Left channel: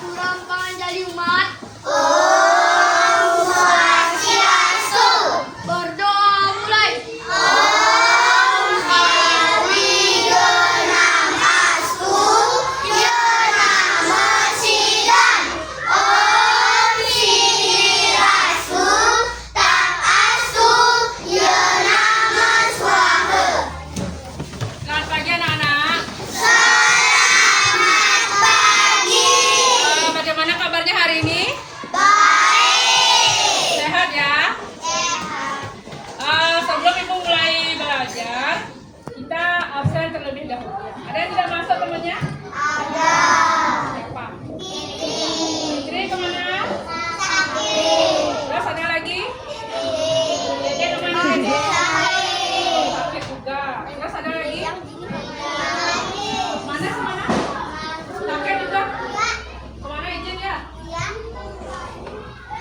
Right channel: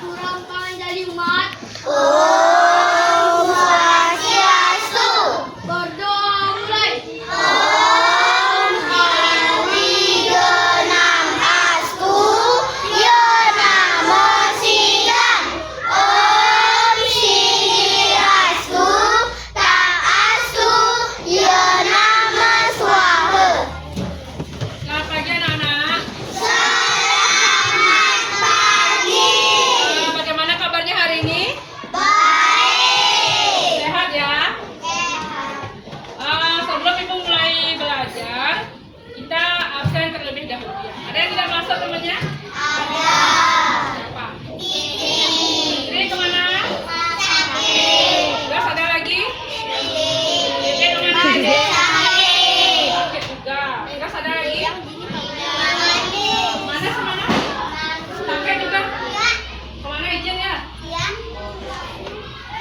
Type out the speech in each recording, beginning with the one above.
kurang panjali umat. Om Swastiastu. Berdoa mulai. Om Hariganamastu. Ya Namo Sidang. Om Sihirastu. Tang Astu. Ya Namo Swaha. Selamat pagi anak-anak. Selamat pagi. Bagaimana kabarnya hari ini? Baik. Sehat ya? Sehat. Sebelum ibu mulai belajar, kita absen terlebih dahulu ya. Ada yang tidak masuk temannya? Ada. Siapa? Fitri kemana? Terus ada lagi? Dede kemana lagi? Sakit juga. Terus ada lagi? Mana semana? Sakit juga? Kemana izin ya?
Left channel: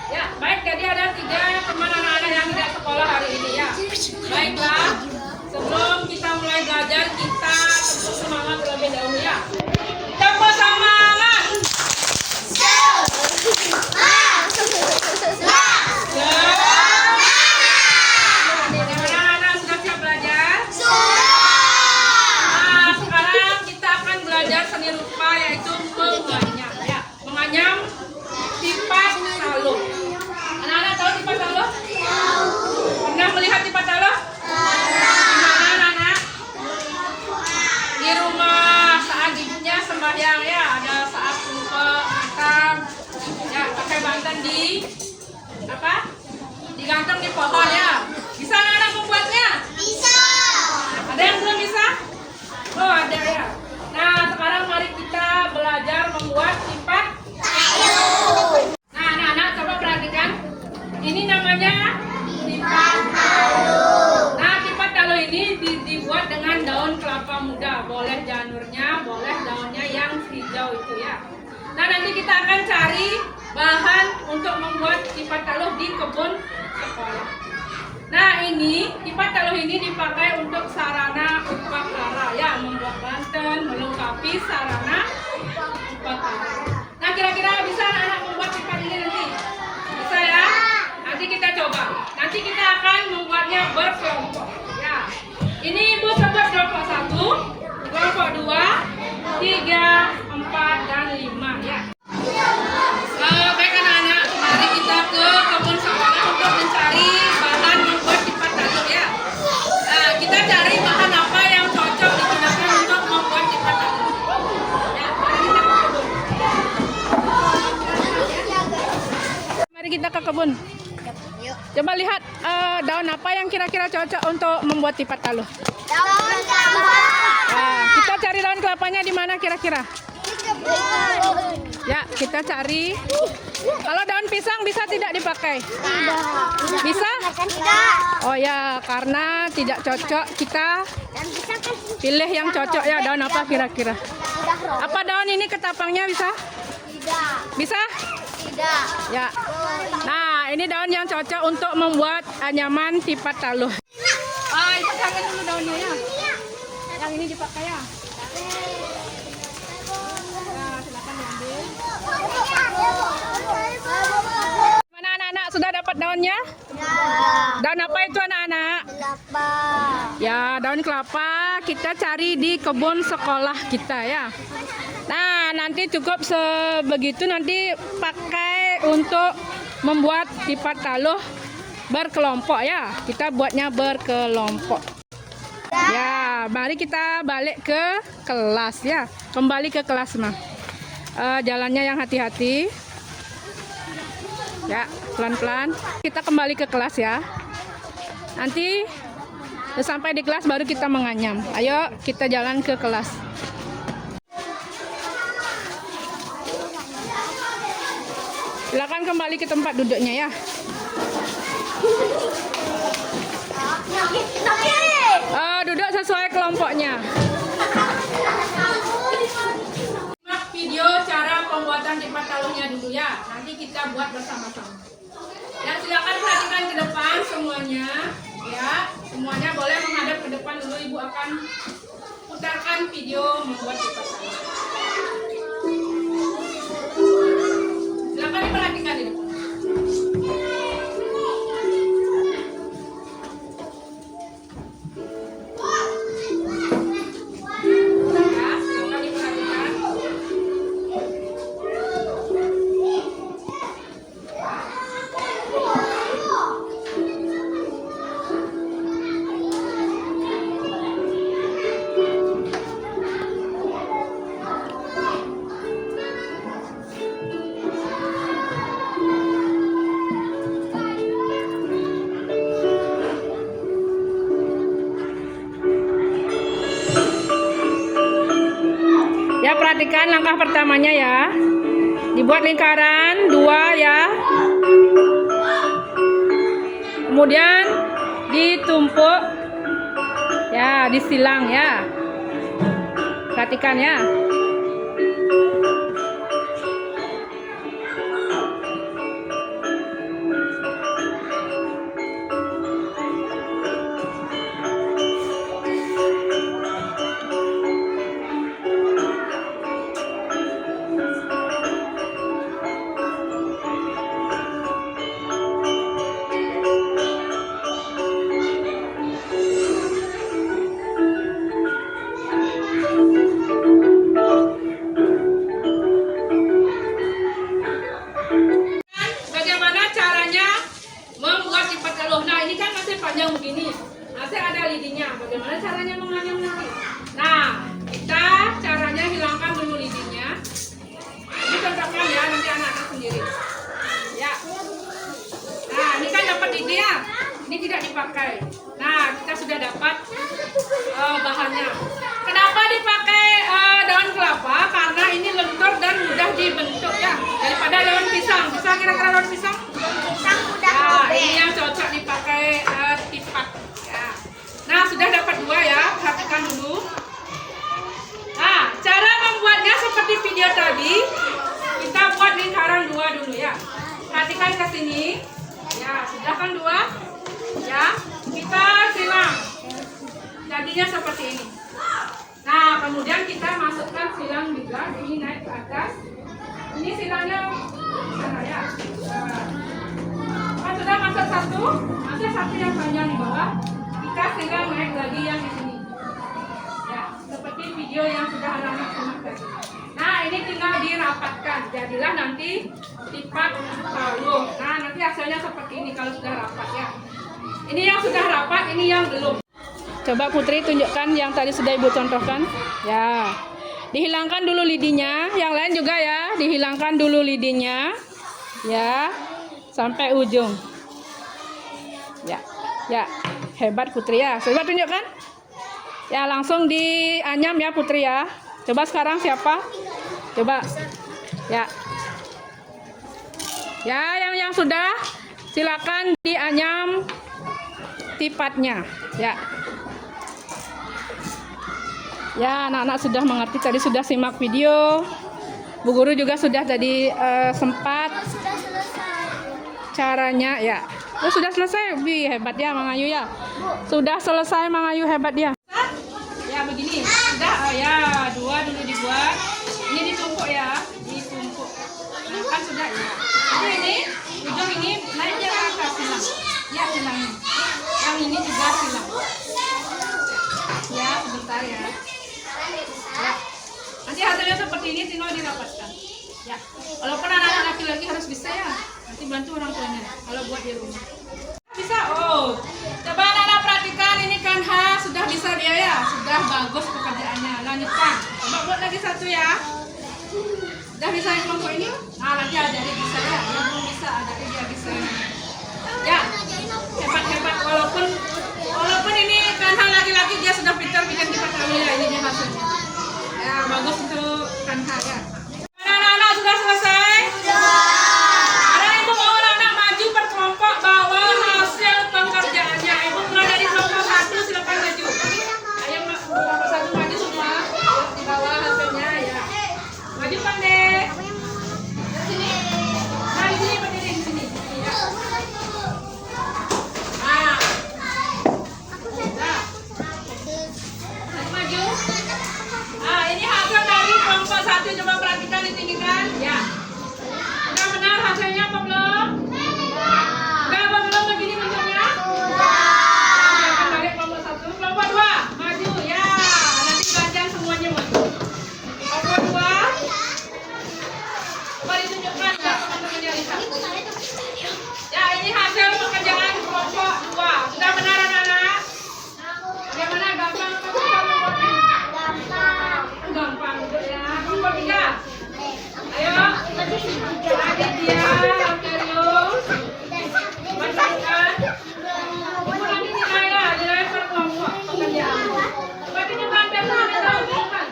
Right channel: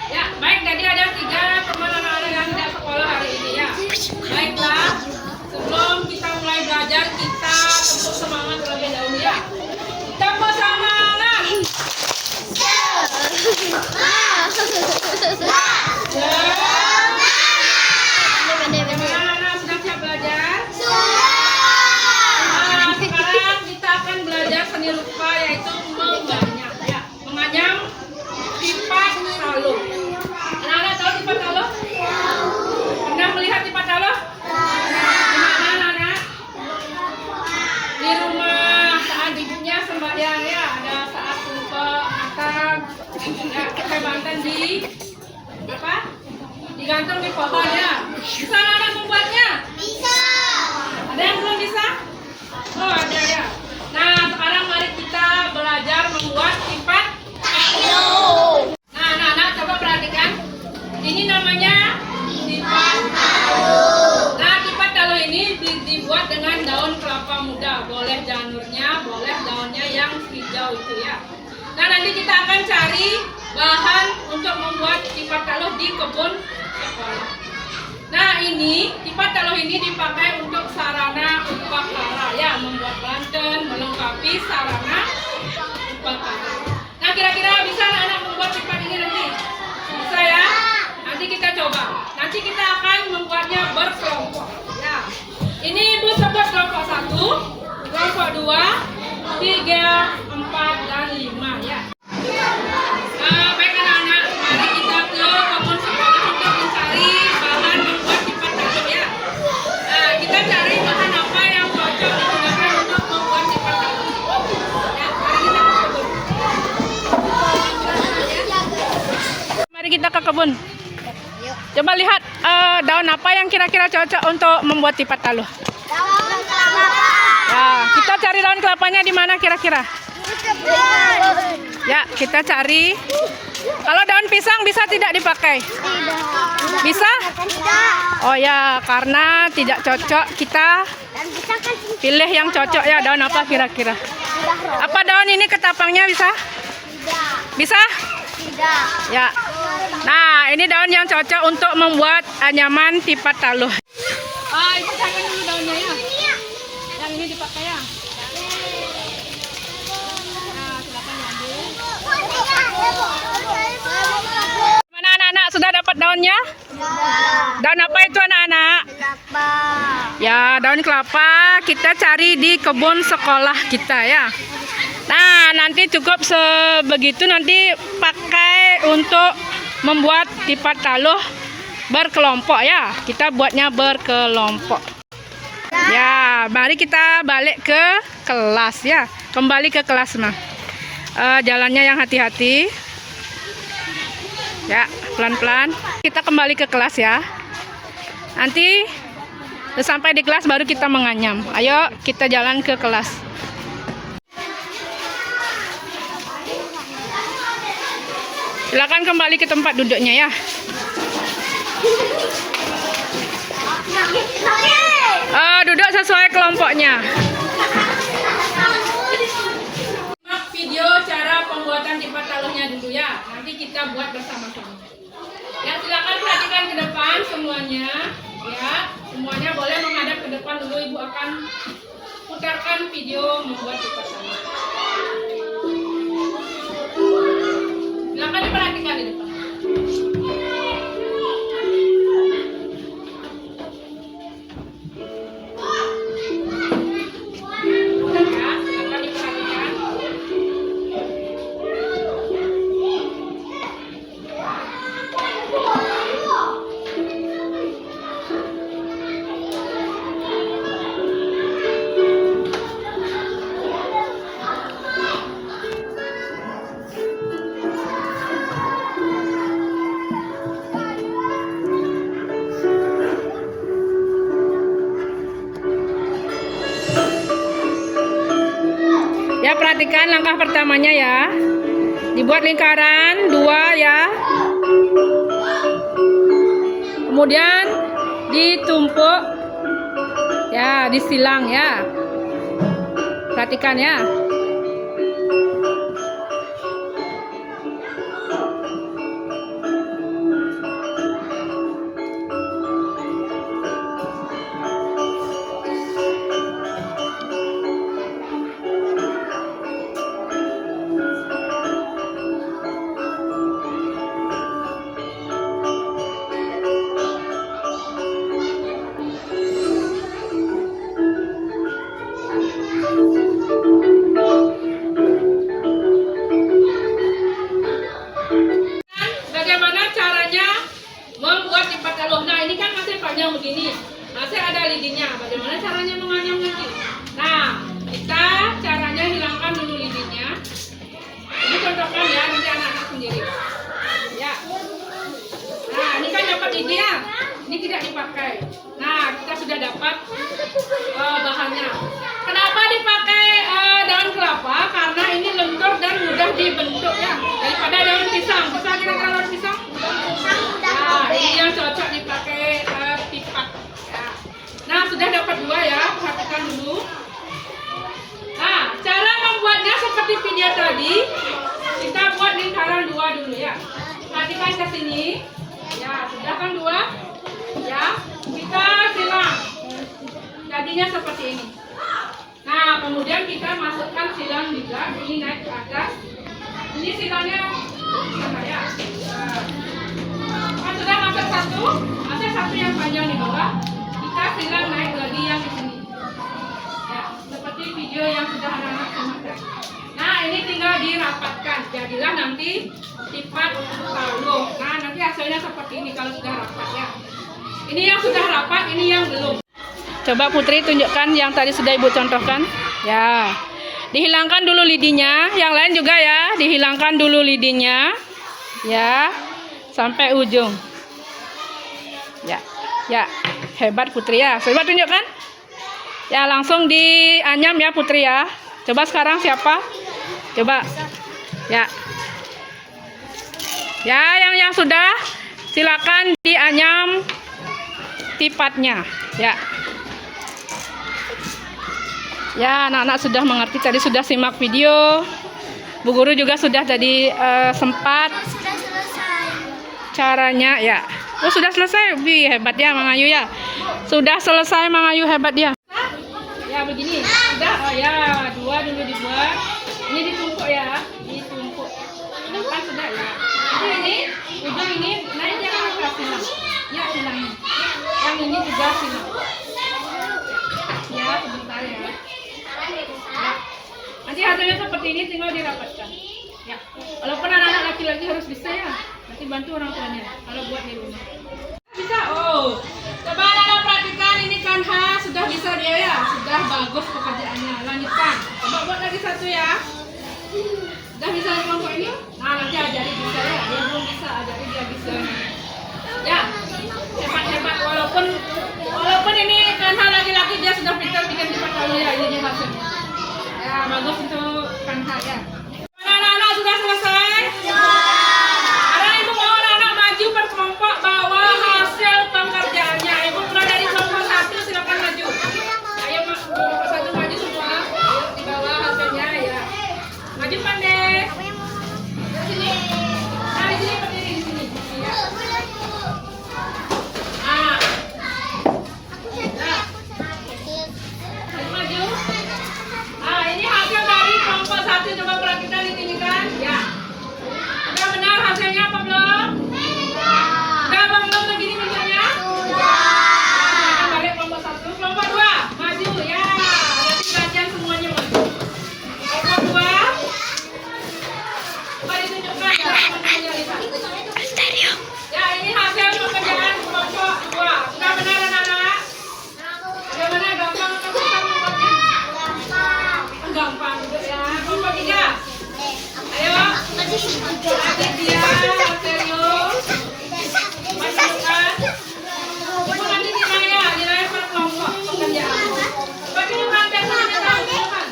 Ya, baik. Tadi ada 3 teman anak-anak yang tidak sekolah hari ini ya. Baiklah, sebelum kita mulai belajar, kita tentu semangat terlebih dahulu ya. Tepuk semangat. Gimana anak sudah siap belajar? Nah, sekarang kita akan belajar seni rupa yaitu menganyam ya. Menganyam tipat taluh. Anak-anak tahu tipat taluh? Pernah melihat tipat taluh? Di mana anak-anak? Di rumah saat ibunya sembahyang ya. Ada saat lupa makan ya, pakai bantan di apa? Digantung di pohon ya. Bisa anak-anak membuatnya? Ada yang belum bisa? Oh ada ya. Nah sekarang mari kita belajar membuat tipat taluh. Nah anak-anak coba perhatikan. Ini namanya tipat taluh. Nah tipat taluh ini dibuat dengan daun kelapa muda. Boleh janurnya, boleh daunnya yang hijau itu ya. Nah nanti kita akan cari bahan untuk membuat tipat taluh di kebun sekolah. Nah ini tipat taluh ini dipakai untuk sarana upakara ya, membuat banten, melengkapi sarana upakara. Nah kira-kira bisa anak-anak membuat tipat ini nanti? Bisa ya? Nanti kita coba. Nanti kita akan membuatnya berkelompok ya. Ini ibu sebut kelompok 1, kelompok 2, 3, 4, dan 5 ya. Baik anak-anak, mari kita ke kebun sekolah untuk mencari bahan membuat tipat taluh ya. Kita cari bahan apa yang cocok digunakan untuk membuat tipat taluh. Ya, mari kita ke kebun. Mari kita ke kebun. Coba lihat daun apa yang kira-kira cocok untuk membuat tipat taluh. Daun kelapa. Nah, kita cari daun kelapanya di mana kira-kira? Ya, kita cari. Kalau daun pisang bisa tidak dipakai? Bisa? Oh ya, karena tidak cocok kita pilih yang cocok ya. Daun apa kira-kira? Apa daun ini ketapangnya bisa? Bisa? Ya. Nah, ini daun yang cocok untuk membuat anyaman tipat taluh. Itu jangan dulu daunnya ya. Yang ini dipakai ya. Nah, silakan diambil. Mana anak-anak sudah dapat daunnya? Daun apa itu anak-anak? Kelapa. Ya, daun kelapa kita cari di kebun sekolah kita ya. Nah, nanti cukup sebegitu, nanti pakai untuk membuat tipat taluh berkelompok ya. Kita buatnya berkelompok. Ya, mari kita balik ke kelas ya. Kembali ke kelas mah. Jalannya yang hati-hati. Ya, pelan-pelan. Kita kembali ke kelas ya. Nanti sampai di kelas baru kita menganyam. Ayo kita jalan ke kelas. Silakan kembali ke tempat duduknya ya. Duduk sesuai kelompoknya. Simak video cara pembuatan tipat taluhnya dulu ya. Nanti kita buat bersama-sama. Ya, silakan perhatikan ke depan semuanya. Ya, semuanya boleh menghadap ke depan dulu. Ibu akan putarkan video membuat tipat taluh. Ya, perhatikan langkah pertamanya ya. Dibuat lingkaran 2 ya. Kemudian ditumpuk. Ya, disilang ya. Perhatikan ya. Bagaimana caranya membuat lipat taluh? Nah, ini kan masih panjang begini, masih ada lidinya. Bagaimana caranya menganyam lidi? Nah, kita caranya hilangkan dulu lidinya. Ini contohkan ya, nanti anak-anak sendiri. Ya. Nah, ini kan dapat lidi ya. Ini tidak dipakai. Nah, kita sudah dapat bahannya. Kenapa dipakai daun kelapa? Karena ini lentur dan mudah dibentuk ya. Daripada daun pisang. Bisa kira-kira daun pisang? Nah, ini yang cocok dipakai tipat. Ya. Nah, sudah dapat 2 ya. Perhatikan dulu. Nah, cara membuatnya seperti video tadi. Kita buat lingkaran 2 dulu ya. Perhatikan ke sini. Ya, sudah kan 2? Ya, kita silang. Jadinya seperti ini. Nah, kemudian kita masukkan silang juga. Ini naik ke atas. Ini silangnya sana ya. Kan sudah masuk 1, masuk 1 yang panjang di bawah. Kita silang naik lagi yang di sini. Ya, seperti video yang sudah anak-anak simak. Nah, ini tinggal dirapatkan. Jadilah nanti lipat taluh. Nah, nanti hasilnya seperti ini kalau sudah rapat ya. Ini yang sudah rapat, ini yang belum. Coba Putri tunjukkan yang tadi sudah Ibu contohkan. Ya. Dihilangkan dulu lidinya, yang lain juga ya, dihilangkan dulu lidinya. Ya. Sampai ujung. Ya. Ya. Hebat Putri ya. Coba tunjukkan. Ya, langsung dianyam ya Putri ya. Coba sekarang siapa? Coba. Ya. Ya, yang sudah silakan dianyam tipatnya. Ya. Ya, anak-anak sudah mengerti, tadi sudah simak video. Bu Guru juga sudah tadi sempat caranya ya. Oh, sudah selesai. Wih, hebat ya Mang Ayu ya. Sudah selesai Mang Ayu, hebat dia. Ya, begini. Sudah ya, 2 dulu dibuat. Ini ditumpuk ya, ditumpuk. Nah, kan sudah ya. Jadi ini ujung ini naiknya ke atas silang. Ya, silangnya. Yang ini juga silang. Ya, sebentar ya. Ya. Nanti hasilnya seperti ini, tinggal dirapatkan. Ya. Walaupun anak-anak laki-laki harus bisa ya. Nanti bantu orang tuanya kalau buat di rumah. Bisa. Oh. Coba anak-anak perhatikan, ini kan sudah bisa dia ya. Sudah bagus pekerjaannya. Lanjutkan. Coba buat lagi 1 ya. Sudah bisa di kelompok ini? Nah, nanti ajari bisa ya. Yang belum bisa ajari dia bisa. Ya. Hebat-hebat walaupun ini kan laki-laki dia sudah pintar bikin lipat taluh ya, ini dia hasilnya. Ya, bagus untuk kanha ya. Anak-anak sudah selesai? Ada ibu mau anak-anak maju berkelompok bawa hasil pekerjaannya. Ibu berada di kelompok 1, silakan maju. Ayo kelompok 1 maju semua. Di bawah hasilnya ya. Maju pandai. Sini. Nah, di sini berdiri di sini. Ya. Coba perhatikan di sini kan, ya. Sudah benar hasilnya apa belum? Sudah apa belum begini bentuknya? Silakan balik kelompok 1, kelompok 2 maju ya. Nanti belajar semuanya maju. Kelompok 2, coba ditunjukkan ya teman-temannya lihat. Ya, ini hasil pekerjaan kelompok 2. Sudah benar anak-anak? Bagaimana gampang atau susah membuatnya? Gampang ya. Kelompok 3. Ayo. Aditya, serius. Masukkan. Ibu nanti nilai per kelompok pekerjaan. Bagi bukan biasa ada tahu kan?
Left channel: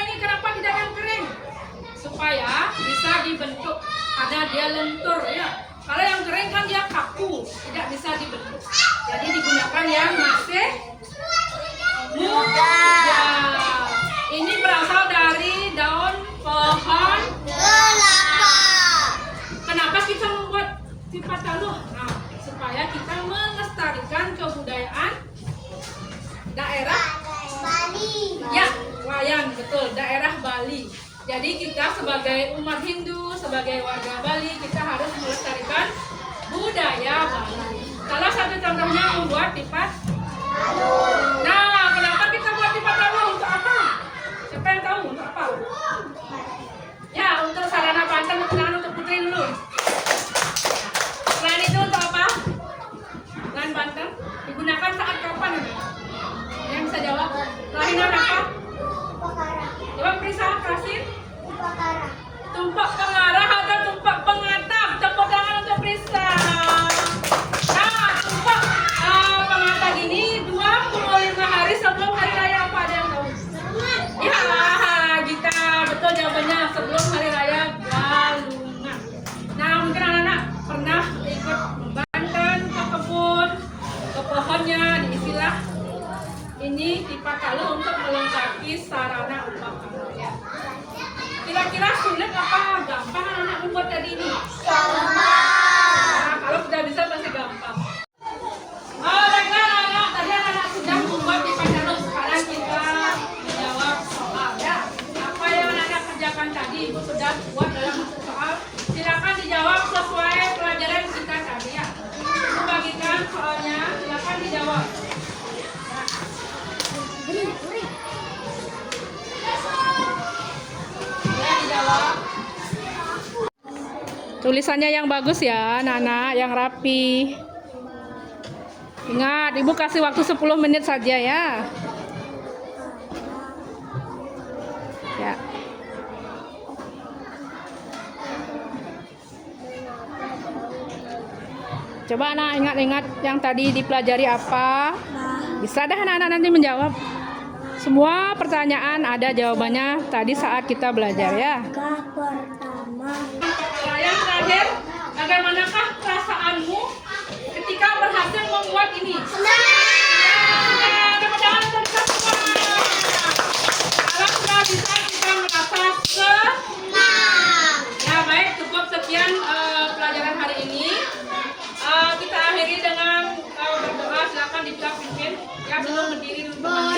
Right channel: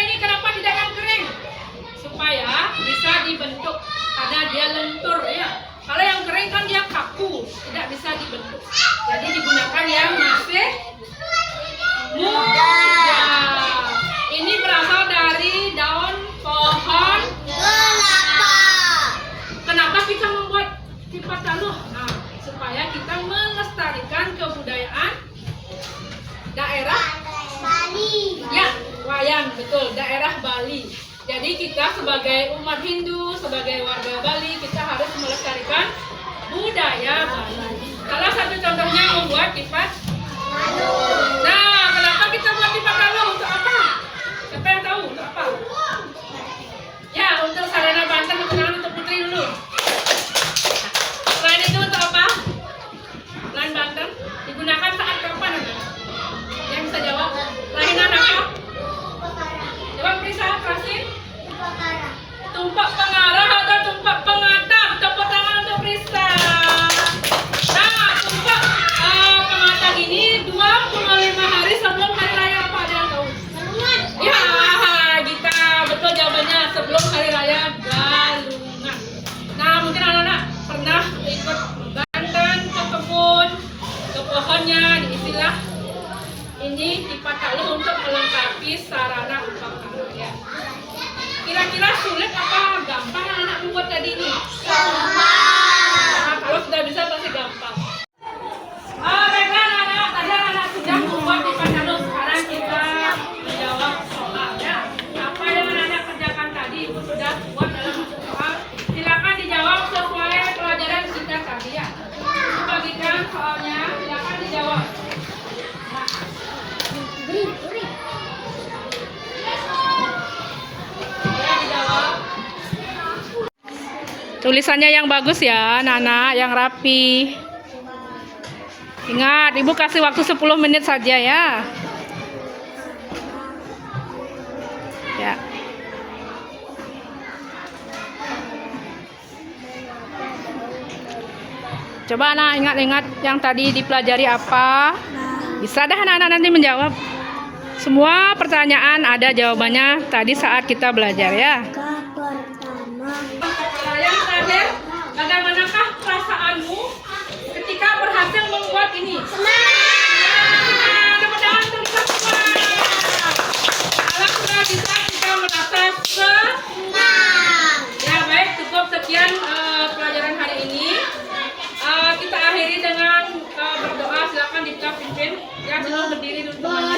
ini kenapa tidak yang kering? Supaya bisa dibentuk karena dia lentur ya. Kalau yang kering kan dia kaku, tidak bisa dibentuk. Jadi digunakan yang masih muda. Ini berasal dari daun pohon Kelapa. Kenapa kita membuat tipat taluh? Nah, supaya kita melestarikan kebudayaan daerah Bali. ya, wayang, betul, daerah Bali. Jadi kita sebagai umat Hindu, sebagai warga Bali, kita harus melestarikan budaya Bali. Salah satu contohnya membuat tipat. Nah, kenapa kita buat tipat taluh? Untuk apa? Siapa yang tahu untuk apa? Ya, untuk sarana Banten, kenalan untuk Putri dulu. Selain itu untuk apa? Selain Banten, digunakan saat kapan? Yang bisa jawab? Lahinan apa? Jawab Prisa, Prasin. Tumpak pengarah atau tumpak pengatap? Tepuk tangan untuk Prisa. Nah, tumpak pengatap ini 25 hari sebelum hari raya apa, ada yang tahu? Ya, Gita, betul jawabannya, sebelum hari raya Galungan. Nah, mungkin anak-anak pernah ikut Banten ke kebun, ke pohonnya, diistilah ini tipat taluh untuk melengkapi sarana upacara ya. Kira-kira sulit apa gampang anak membuat tadi ini? Nah, kalau sudah bisa pasti gampang. Oh, baiklah anak-anak, tadi anak sudah membuat tipat taluh. Sekarang kita menjawab soal ya. Apa yang anak kerjakan tadi Ibu sudah buat dalam soal. Silakan dijawab sesuai pelajaran kita tadi ya. Ibu bagikan soalnya, silakan dijawab. Tulisannya yang bagus ya, anak-anak, yang rapi. Ingat, Ibu kasih waktu 10 menit saja ya. Ya. Coba anak ingat-ingat yang tadi dipelajari apa. Bisa dah anak-anak nanti menjawab. Semua pertanyaan ada jawabannya tadi saat kita belajar ya. Yang terakhir, bagaimanakah perasaanmu ketika berhasil membuat ini? Tepuk tangan untuk kita semua. Kalau sudah bisa, kita merasa senang. Ya baik, cukup sekian pelajaran hari ini. Kita akhiri dengan berdoa. Silakan kita pimpin ya, dulu berdiri dulu.